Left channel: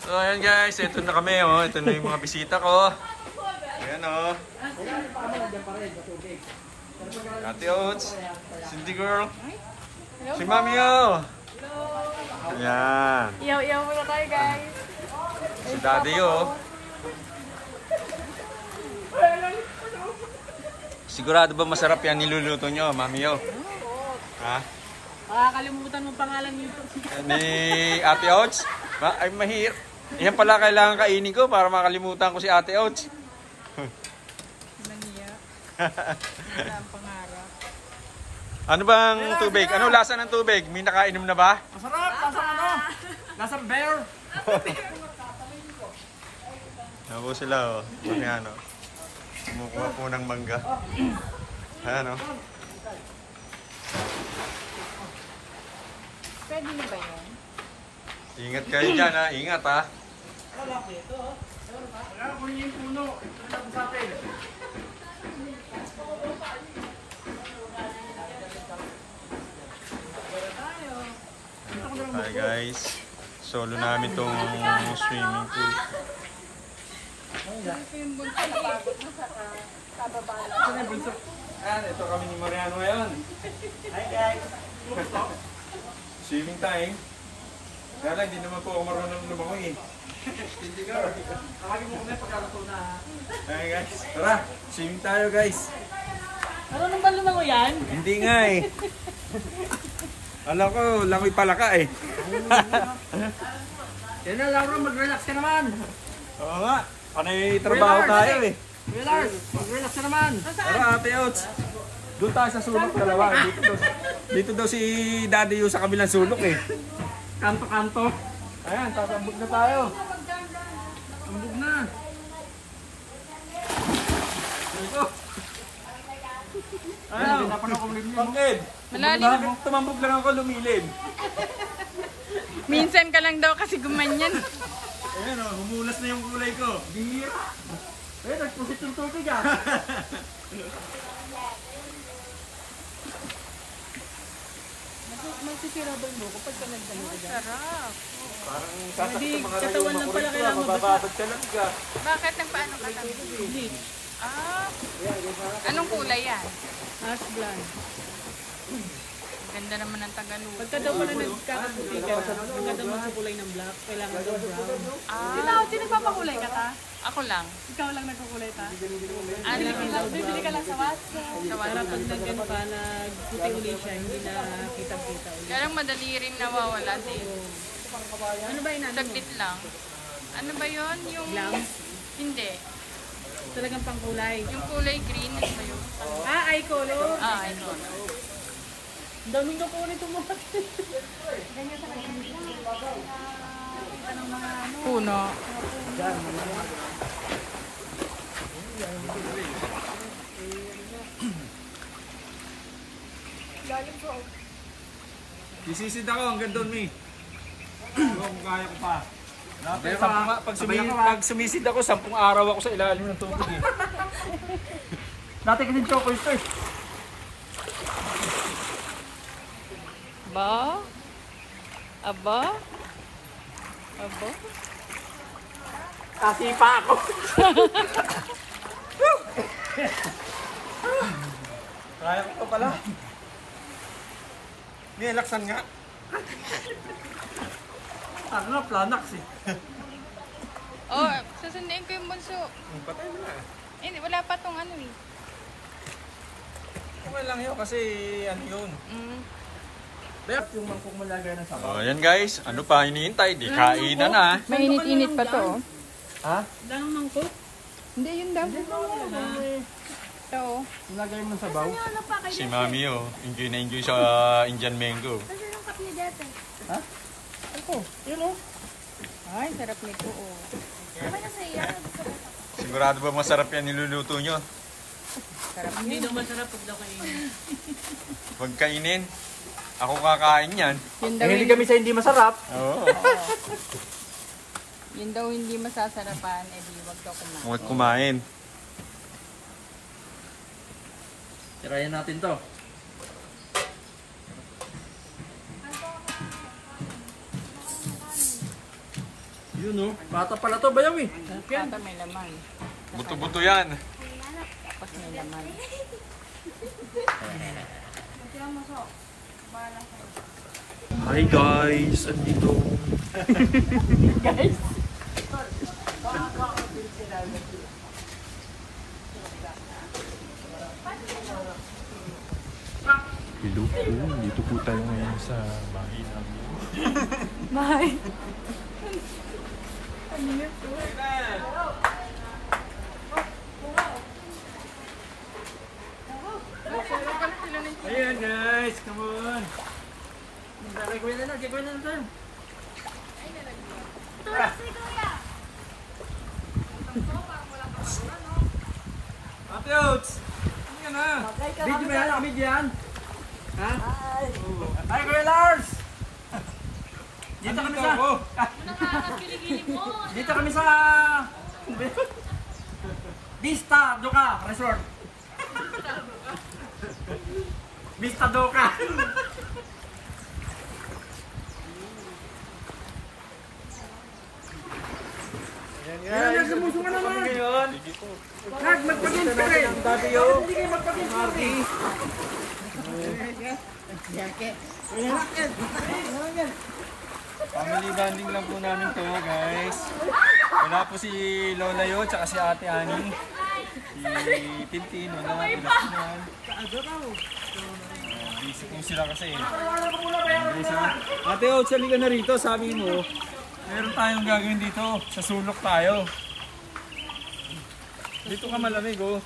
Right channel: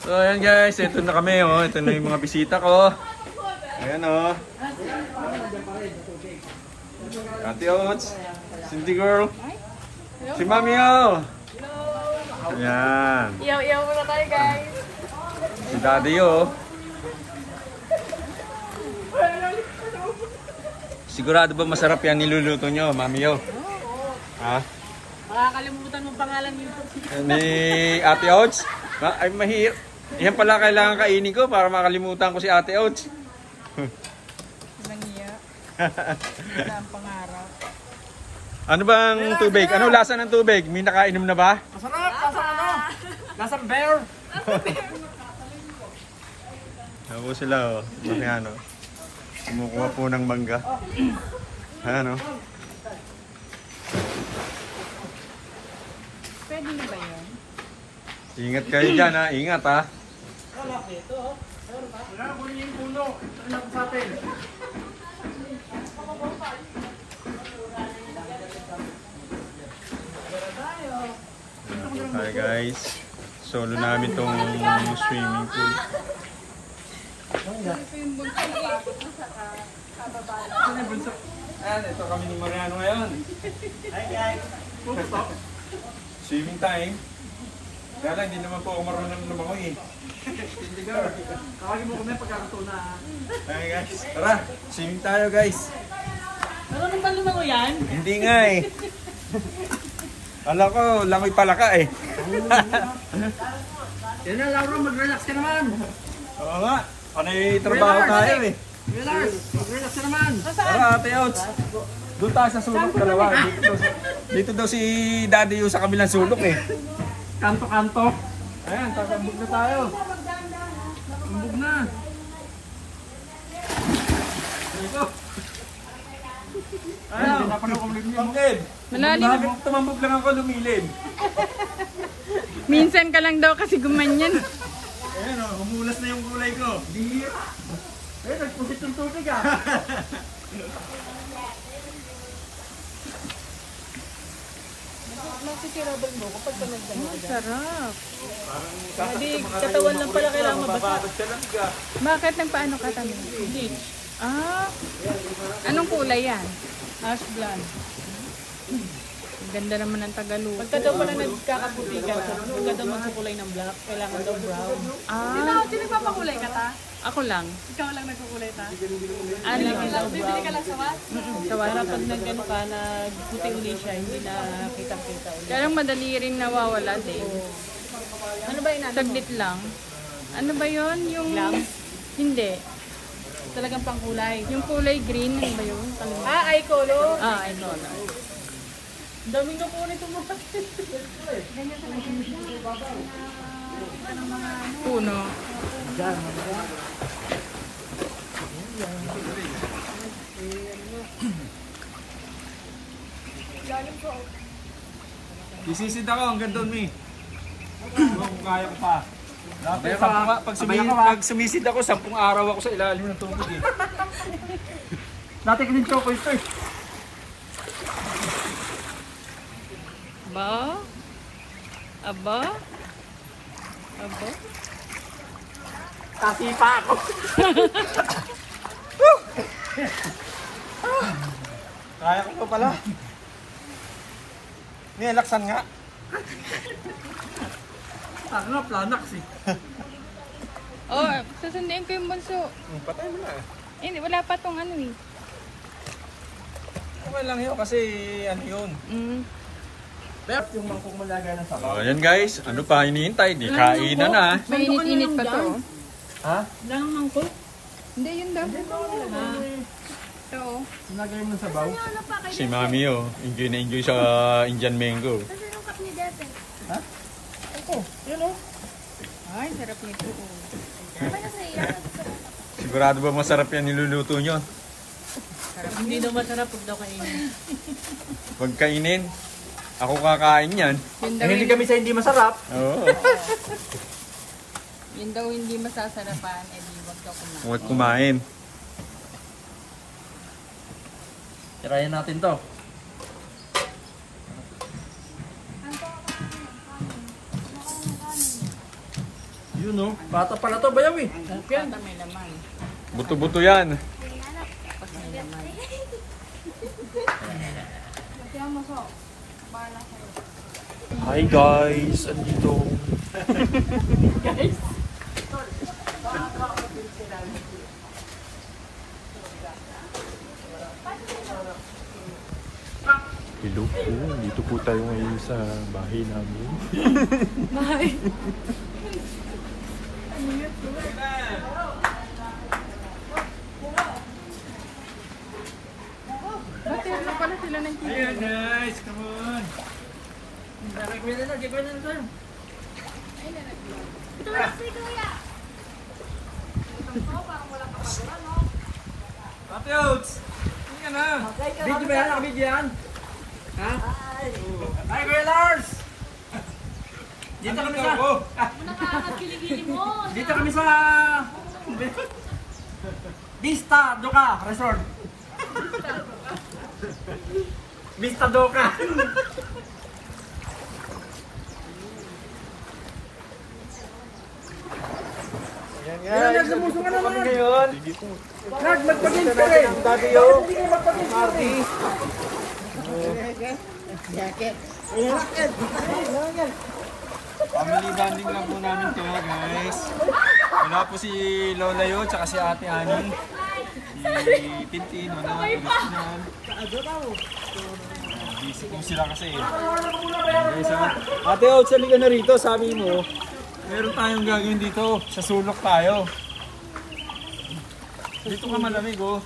So ayan guys, ito na kami oh. Ito na yung mga bisita ko. Ayan oh. Ate Oats, Cindy Girl, si Mami oh. Ayan. Iyaw-iyaw muna tayo guys. Si Daddy oh. Sigurado ba masarap yan niluluto nyo, Mami oh? Ha? Makakalimutan mo pangalan nito. Ni Ate Oats? Ay mahirap. Yan pala kailangan kainin ko para makalimutan ko si Ate Oats. Ano bang tubig? Ano lasa ng tubig? May nakainom na ba? Masarap! Lasang ano? Lasang bear! Ako sila oh. Kasi ano. Kumukuha po ng mangga. Ano? Pwede na ba yun? Ingat kayo dyan ha. Ingat ha. Hi guys. Solo namin tong swimming pool. Ayan, ito kami ni Mariano ngayon. Hi guys. Swimming time. Kaya lang, hindi naman po ako marunong lumangoy eh. Hi guys, tara, swimming tayo guys. Marunong ka lumangoy yan? Hindi nga eh. Alam ko, langoy pala ka eh. Yan na lang, mag-relax ka naman. Oo nga, panay trabaho tayo eh. Relax, mag-relax ka naman. Tara Ate Oats, doon tayo sa sulok dalawa. Dito daw si Daddy yung sa kabilang sulok eh. Kanto-kanto. Ayan, tatambog na tayo. Tumbog na. Ayan, pinapanood ko ulit niyo. Pangkid. Malalim. Tumambog lang ako lumilid. Minsan ka lang daw kasi gumanyan. Ayan o, humulas na yung kulay ko. Bihira. Eh, nagpusit yung tubig ah. Magsisirabal mo kapag ka nagdano. Sarap. Hindi, katawan lang pala kailangan mabasa. Bakit nagpaano ka tami? Hindi. Ah, anong kulay yan? Ash blonde. Ganda naman ng Tagalog. Pagka daw pala nagkakaputi ka, pagka daw magkukulay ng black, kailangan daw brown. Ah, sino papakulay ka ta? Ako lang. Ikaw lang nagkukulay ka? Ano? Bibili ka lang sa was? Sa was. Para pag nagano ka, nagputi uli siya, hindi na kita-kita ulit. Kaya lang madali rin nawawala din. Ano ba yun? Saglit lang. Ano ba yun? Yung... Hindi. Talagang pangkulay. Yung kulay green, ano ba yun? Ah, eye color. Ah, eye color. Daming na po nito mo. Puno. Isisid ako hanggang doon, Mi. Kung kaya ko pa. Pag sumisid ako, 10 araw ako sa ilalim ng tubig eh. Dati ko din choco ito eh. Aba? Aba? Aba? Kasi pa ako. Kaya ko pala. May laksan nga. Ako nga, planax eh. Oh, sasundiin ko yung bunso. Patay mo na. Eh, wala pa tong ano eh. Okay lang yun kasi ano yun. Bep, yung mangkok malagay ng sabaw. Oh, ayan guys, ano pa hinihintay? Di kainan na. May init-init pa to. Ha? Lang mangkok? Hindi, yun daw. Ito. Nilagay mo ng sabaw. Si Mami oh, enjoy na enjoy sa Indian mango. Ha? Ito, yun oh. Ay, sarap nito. Sigurado ba masarap yan niluluto nyo? Hindi na masarap pag kainin. Pag kainin, ako kakain yan. Eh, hindi kami sa hindi masarap. Oo. Yun daw hindi masasarapan, eh di wag daw kumain. Huwag kumain. Tirayan natin to. Yun no, bata pala to, bayaw eh. Bata may lamang. Buto-buto yan. Tapos may lamang. Hi guys, andito. Hello po, dito po tayo ngayon sa bahay namin. Bye. Ba't yun na pala sila ng chicken? Ayan guys, come on. Gagawin na sa'yo. Ate Oats! Ano yan ha? Video ba yan? Video yan? Ha? Hi Kuya Lars! Dito kami sa... Dito kami sa... Vista Doka Resort. Vista Doka. Ayan guys, nagsumusong ka naman ngayon. Magpag-games ka rin. Dati yun. Hindi kayo magpag-games. Marty. Family bonding lang po namin to guys. Wala po si Lola yun, tsaka si Ate Ani. Si Tintin, wala na naman. Busy po sila kasi. Guys ha. Ate Oats, halika na rito, sabi mo. Meron tayong gagawin dito, sa sulok tayo. Dito ka malamig oh.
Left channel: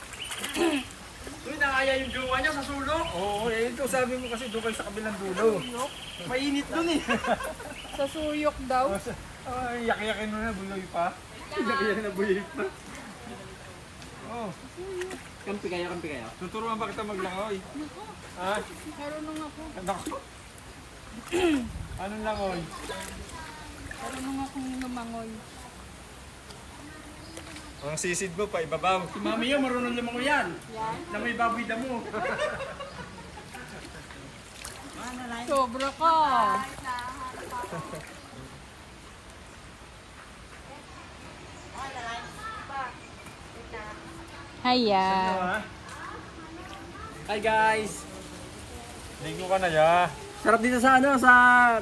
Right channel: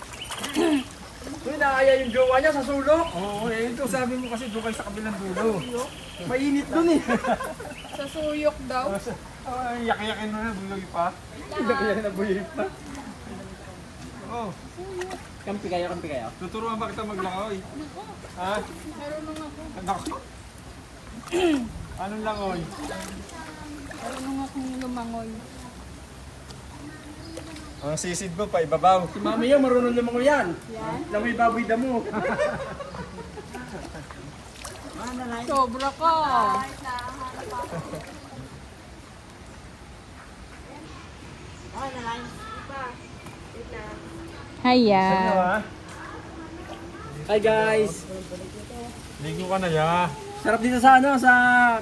Uy, nakaya yung jowa niya sa sulok. Oo, ito sabi mo kasi doon sa kabilang dulo. Mainit dun eh. Sa suyok daw. Ay, yak-yakin mo na, buloy pa. Yak-yak na buhay pa. Oh, Kampi kaya. tuturuan ba kita maglangoy? Ha? Marunong ako. Nako. Anong langoy? Marunong akong lumangoy. Ang sisid mo pa, ibabaw. Si mami yan, marunong limang yan. Yan. Na may baboy damo. Sobra ka. Hiya. Hi guys. Ligo ka na ya. Sarap dito sa sa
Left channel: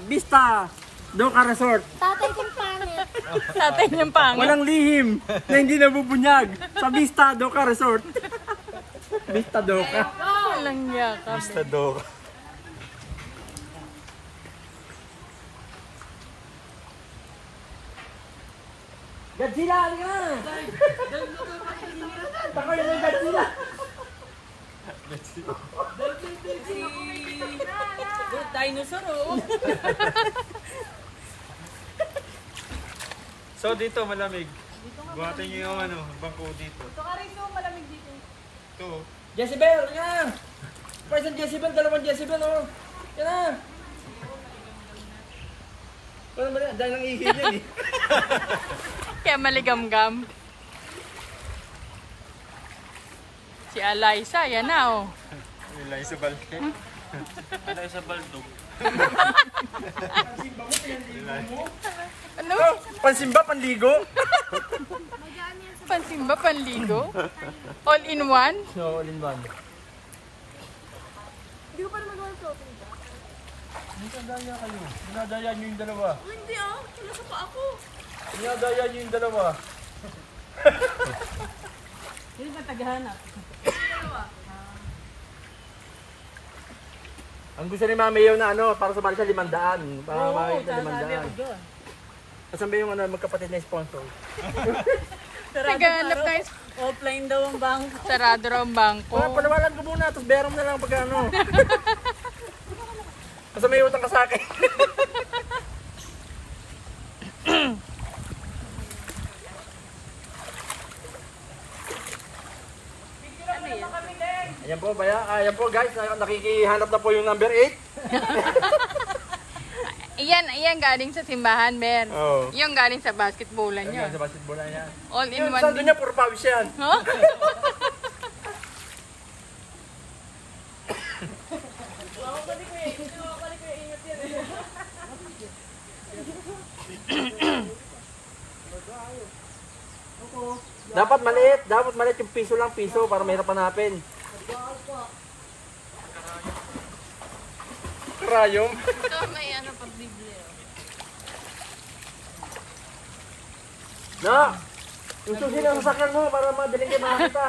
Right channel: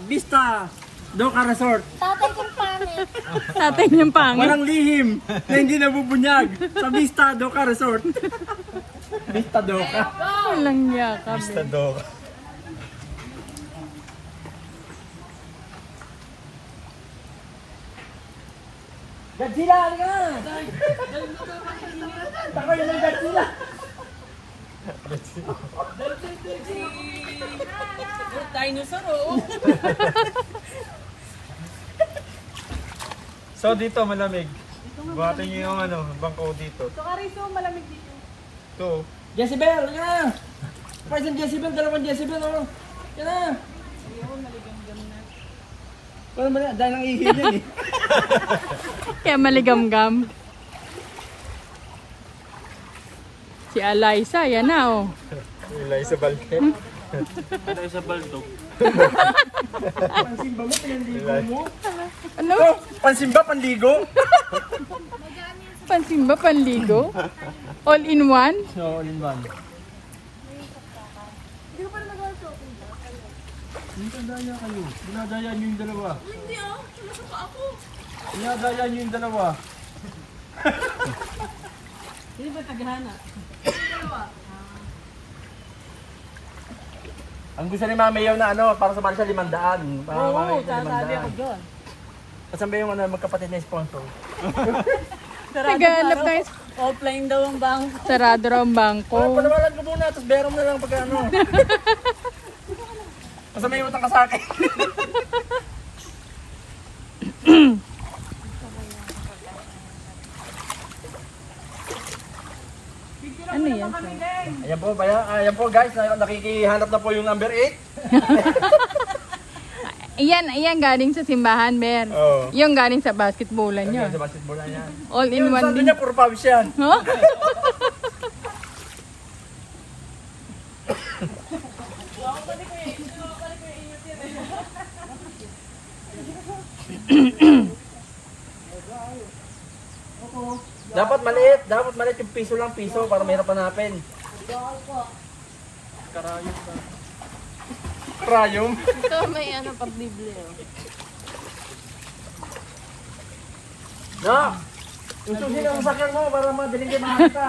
Vista Doka Resort. Tatay niyang pangit. Walang lihim na hindi nabubunyag sa Vista Doka Resort. Vista Doka. Walang yaka. Basta dog. Godzilla, halika na! Takoy na ng Godzilla! Dinosaur oh. So dito malamig. Buhatin niyo yung ano, bangko dito. Ito ka rin so malamig dito. Ito. Jezebel, halika na! Present Jezebel, dalawang Jezebel, oh! Halika na! Ano ba na? Dahil ang ihi niyan eh. Kaya maligam-gam. Si Alaysa, yan na oh. Ilay sa balde. Ano sa baldog? Ano? Oh, pansimba, panligo? Pansin ba panligo? All in one? No, all in one. Dinadaya kayo. Dinadaya niyo yung dalawa. Hindi oh, nasa pa ako. Dinadaya niyo yung dalawa. Hindi ba tagahanap? Ang gusto ni Mami Yaw na ano, para sa bali sa 500. Para Oo, makakita sa sasabi ako 500. dyan. Kasan ba yung ano, magkapatid na sponsor? Naghanap tayo. Offline daw ang bang. Sarado raw ang bangko. Panawalan ko muna, tapos bayaran mo na lang pagka ano. Kasi may utang ka sa akin. Ano yan? Ayan po, ayan po guys, nakikihanap na po yung number 8. Iyan galing sa simbahan, Ber. Oo. Yung galing sa basketballan nyo. Sa basketball na yan. All in Yung one saldo din. niya, puro pawis yan. Huh? Dapat maliit yung piso lang, piso para mahirap hanapin. Karayom. Ito may ano, pablible. No! Yung susi na sasakyan mo para madaling kayo makakita.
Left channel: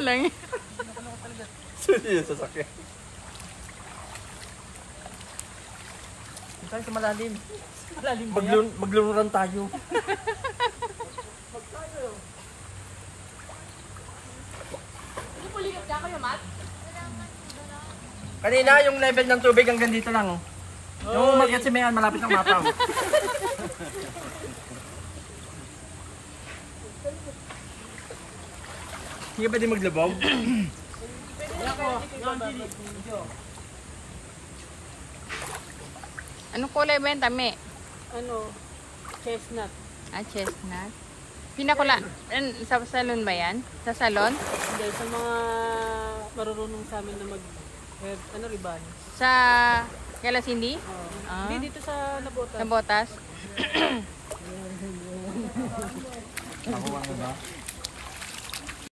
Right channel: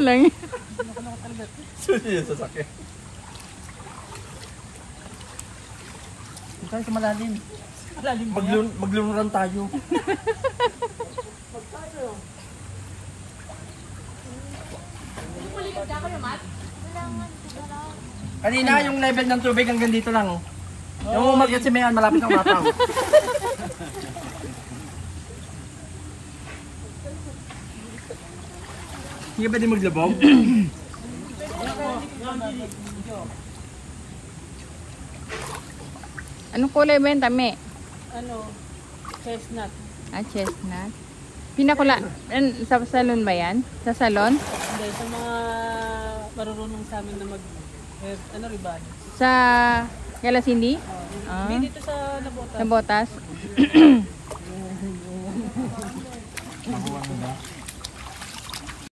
Lang. Susi yung sasakyan. Saan sa malalim? Maglururan tayo. Kanina yung level ng tubig hanggang dito lang. Oh. Yung umakyat si Mayan malapit ng mataw. Hindi ba din maglabog? Anong kulay ba yun, Tami? Ano, chestnut. Ah, chestnut. Pinakula, sa salon ba yan? Sa salon? Hindi, sa mga marurunong sa amin na ribbon. Sa Galasindi? Ah, Hindi, dito sa Nabotas. sa Botas?